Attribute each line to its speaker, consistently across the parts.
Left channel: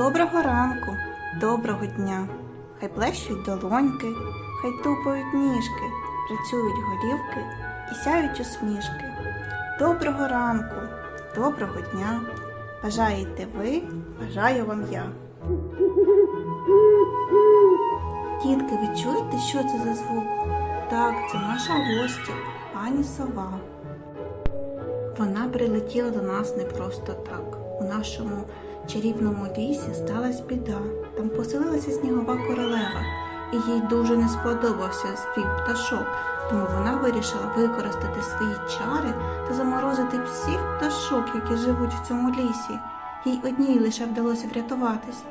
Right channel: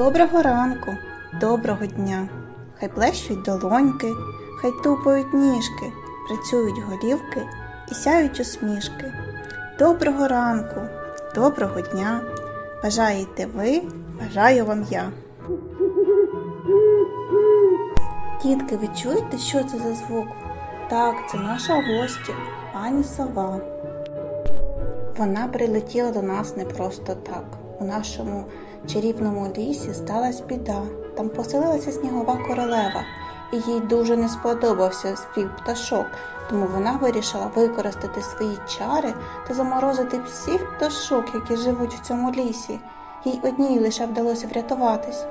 Speaker 1: Доброго ранку, доброго дня. Хай плещуть долоньки, хай тупають ніжки, працюють голівки і сяють усмішки. Доброго ранку, доброго дня. Бажаєте ви, бажаю вам я. Дітки, ви чуєте, що це за звук? Так, це наша гостя, пані сова. Вона прилетіла до нас не просто так. У нашому чарівному лісі сталася біда. Там поселилася снігова королева, і їй дуже не сподобався спів пташок, тому вона вирішила використати свої чари та заморозити всіх пташок, які живуть в цьому лісі. Їй одній лише вдалося врятуватись,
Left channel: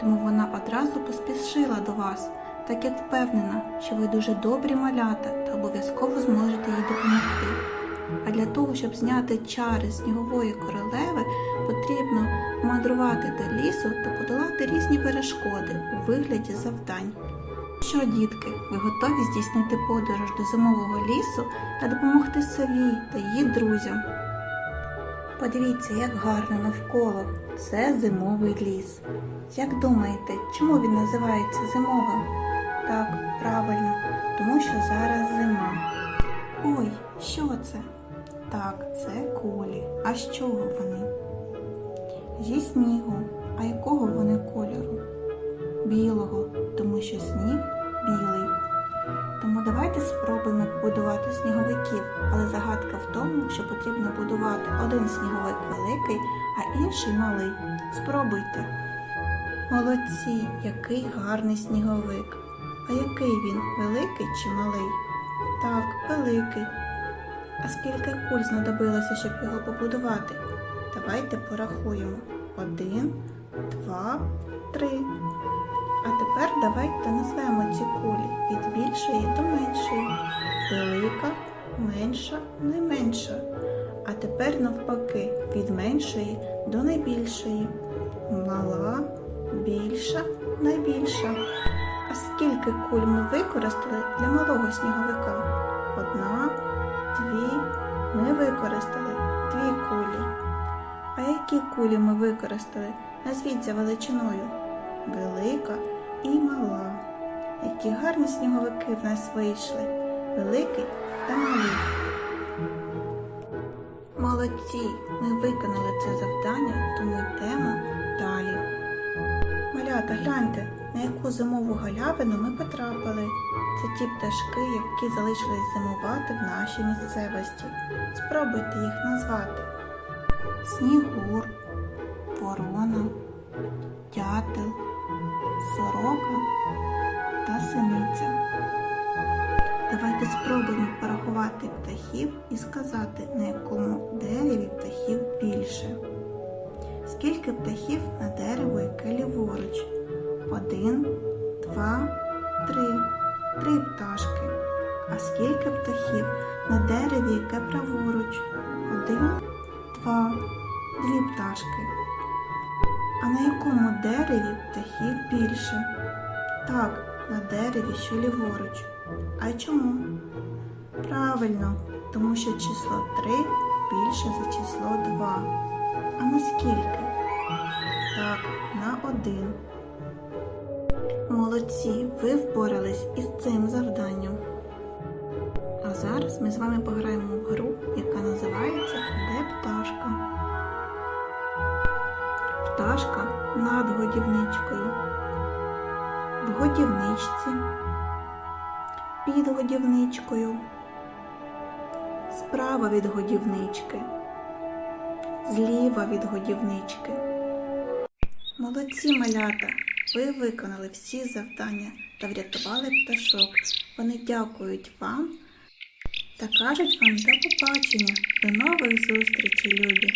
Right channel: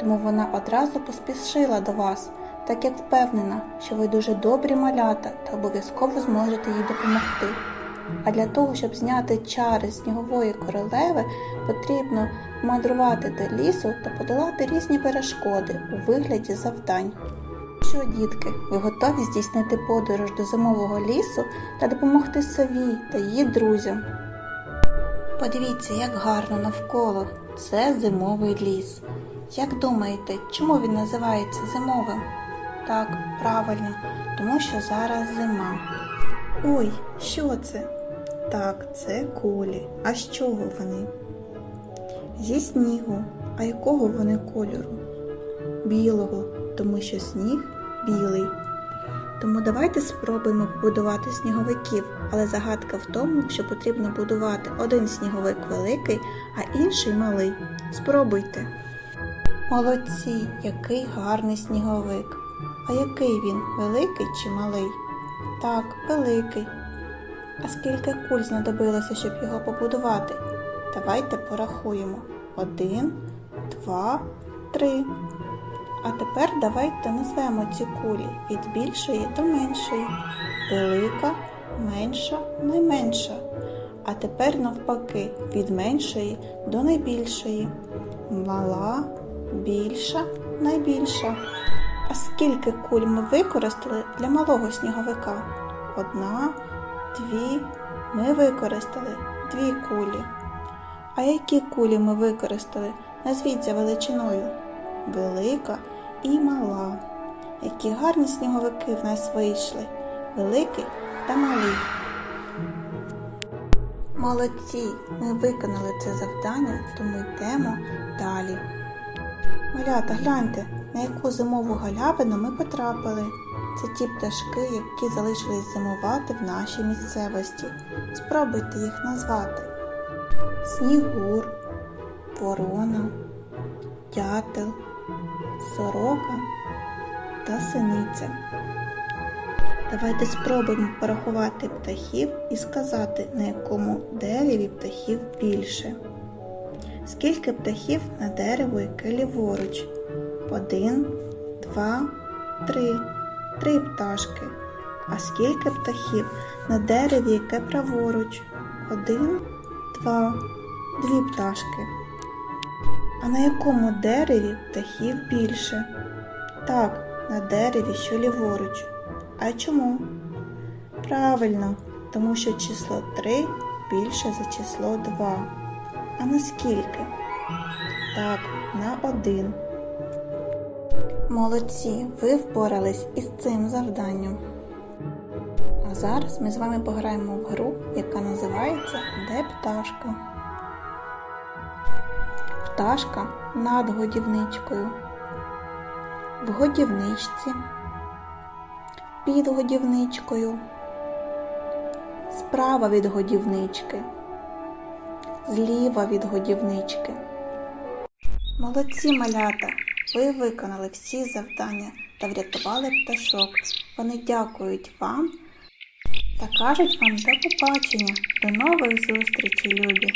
Speaker 1: тому вона одразу поспішила до вас, так як впевнена, що ви дуже добрі малята та обов'язково зможете їй допомогти. А для того, щоб зняти чари снігової королеви, потрібно мандрувати до лісу та подолати різні перешкоди у вигляді завдань. Що, дітки, ви готові здійснити подорож до зимового лісу та допомогти сові та її друзям? Подивіться, як гарно навколо. Це зимовий ліс. Як думаєте, чому він називається зимовим? Так, правильно, тому що зараз зима. Ой, що це? Так, це кулі. А з чого вони? Зі снігу. А якого вони кольору? Білого, тому що сніг білий. Тому давайте спробуємо побудувати сніговиків, але загадка в тому, що потрібно будувати один сніговик великий, а інший малий. Спробуйте. Молодці, який гарний сніговик. А який він великий чи малий? Так, великий. А скільки куль знадобилося, щоб його побудувати? Давайте порахуємо. Один, два, три. А тепер давайте назвемо ці кулі від більшої до меншої. Велика, менша, найменша. А тепер навпаки від меншої до найбільшої. Мала, більша, найбільша. А скільки куль ми використали для малого сніговика? Одна, дві. Ми використали дві кулі. А які кулі ми використали? Назвіть за величиною. Велика і мала. Які гарні сніговики в нас вийшли. Великий та малий. Молодці! Ми виконали це завдання, тому йдемо далі. Малята, гляньте, на яку зимову галявину ми потрапили. Це ті пташки, які залишились зимувати в нашій місцевості. Спробуйте їх назвати: Снігур, ворона, дятел, сорока та синиця. Давайте спробуємо порахувати птахів і сказати, на якому дереві птахів більше. Скільки птахів на дерево, яке ліворуч? Один, два, три. Три пташки. А скільки птахів на дереві, яке праворуч? Один, два, дві пташки. А на якому дереві птахів більше? Так, на дереві, що ліворуч. А чому? Правильно, тому що число 3 більше за число 2. А на скільки? Так, на 1. Молодці, ви впорались із цим завданням. А зараз ми з вами пограємо в гру, яка називається Де пташка? Пташка над годівничкою. В годівничці. Під годівничкою. Справа від годівнички. Зліва від годівнички. Молодці малята! Ви виконали всі завдання та врятували пташок. Вони дякують вам та кажуть вам до побачення. До нових зустрічей, любі!